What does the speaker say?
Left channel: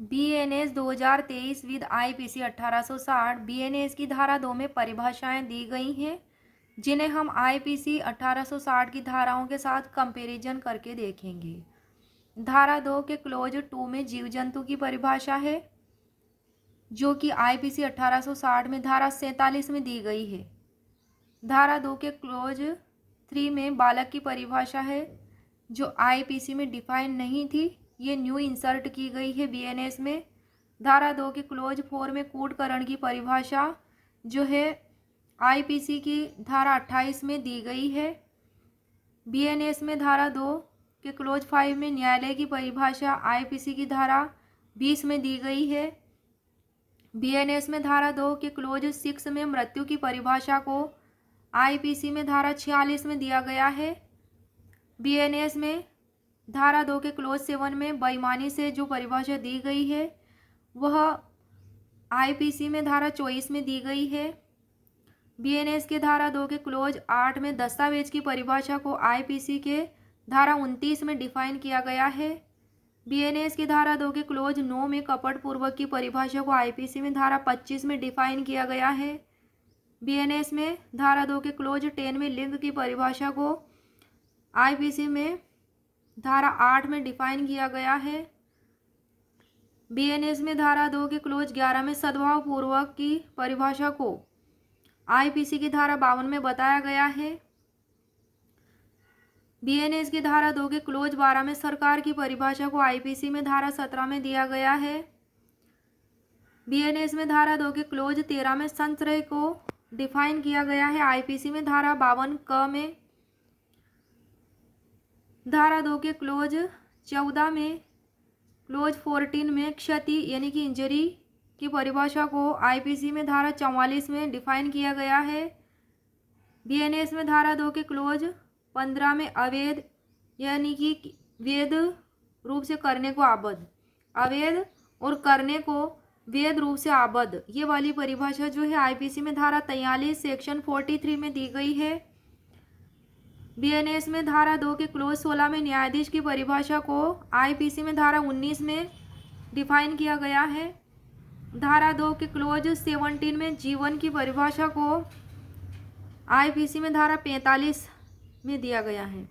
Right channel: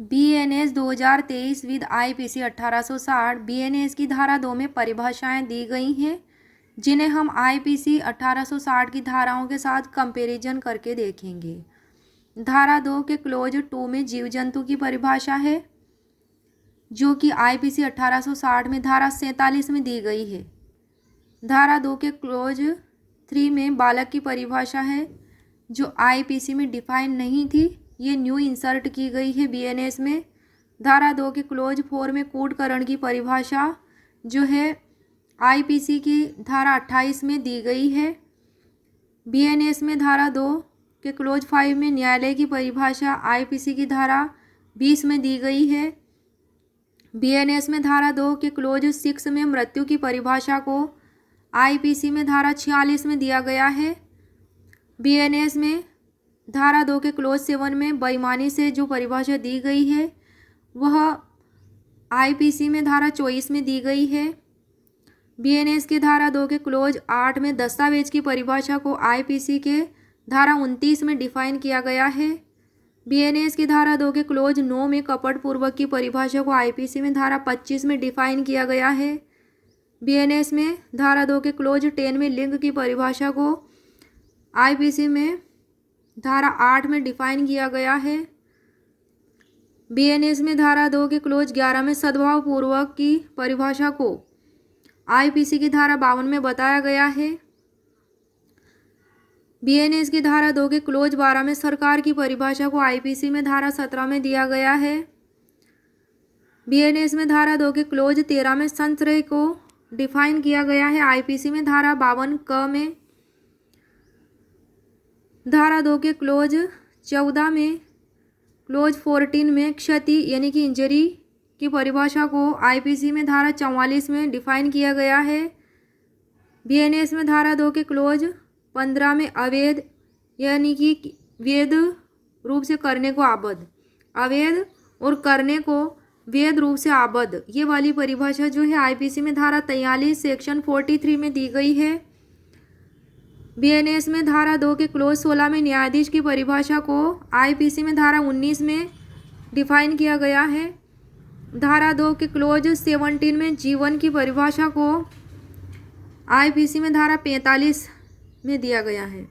BNS 2023 with IPC 1860। BNS की धारा 2 में परिभाषाएं दी गई हैं जिन्हें हम आईपीसी 1860 की धाराओं के साथ कंपैरिजन करके देखेंगे। धारा 2 के क्लोज 2 में जीव जंतु की परिभाषा है जो कि आईपीसी 1860 में धारा 47 में दी गई है। धारा 2 के क्लोज 3 में बालक की परिभाषा है जो आईपीसी में डिफाइन नहीं थी, ये न्यू इंसर्ट की गई है बीएनएस में। धारा 2 के क्लोज 4 में कूटकरण की परिभाषा जो है आईपीसी की धारा 28 में दी गई है। बीएनएस में धारा 2 के क्लोज 5 में न्यायालय की परिभाषा आईपीसी की धारा 20 में दी गई है। बीएनएस में धारा 2 के क्लोज 6 में मृत्यु की परिभाषा को आईपीसी में धारा 46 में दिया गया है। बीएनएस में धारा 2 के क्लोज 7 में बेईमानी से जो परिभाषा दी गई है वह आईपीसी में धारा 24 में दी गई है। बीएनएस के धारा 2 के क्लोज 8 में दस्तावेज की परिभाषा को आईपीसी के धारा 29 में डिफाइन किया गया है। बीएनएस की धारा 2 के क्लोज 9 में कपटपूर्वक की परिभाषा को आईपीसी में धारा 25 में डिफाइन किया गया है। बीएनएस में धारा 2 के क्लोज 10 में लिंग की परिभाषा को आईपीसी में धारा 8 में डिफाइन किया गया है। बीएनएस में धारा 2 के क्लोज 11 में सद्भाव पूर्वक की परिभाषा को आईपीसी की धारा 52 में बताया गया है। बीएनएस की धारा 2 के क्लोज 12 में सरकार की परिभाषा को आईपीसी में धारा 17 में दिया गया है। बीएनएस में धारा 2 के क्लोज 13 में संचय को डिफाइन किया गया है आईपीसी में धारा 52 क में। धारा 2 के क्लोज 14 में क्लोज 14 में क्षति यानी कि इंजरी की परिभाषा को आईपीसी में धारा 44 में डिफाइन किया गया है। बीएनएस में धारा 2 के क्लोज 15 में अवैध यानी कि वैध रूप से करने को आबद्ध, अवैध और करने को वैध रूप से आबद्ध, ये वाली परिभाषा जो है आईपीसी में धारा 43 सेक्शन 43 में दी गई है। बीएनएस में धारा 2 के क्लोज 16 में न्यायाधीश की परिभाषा को आईपीसी में धारा 19 में डिफाइन किया गया है। धारा 2 के क्लोज 17 में जीवन की परिभाषा को आईपीसी में धारा 45 में दिया गया है।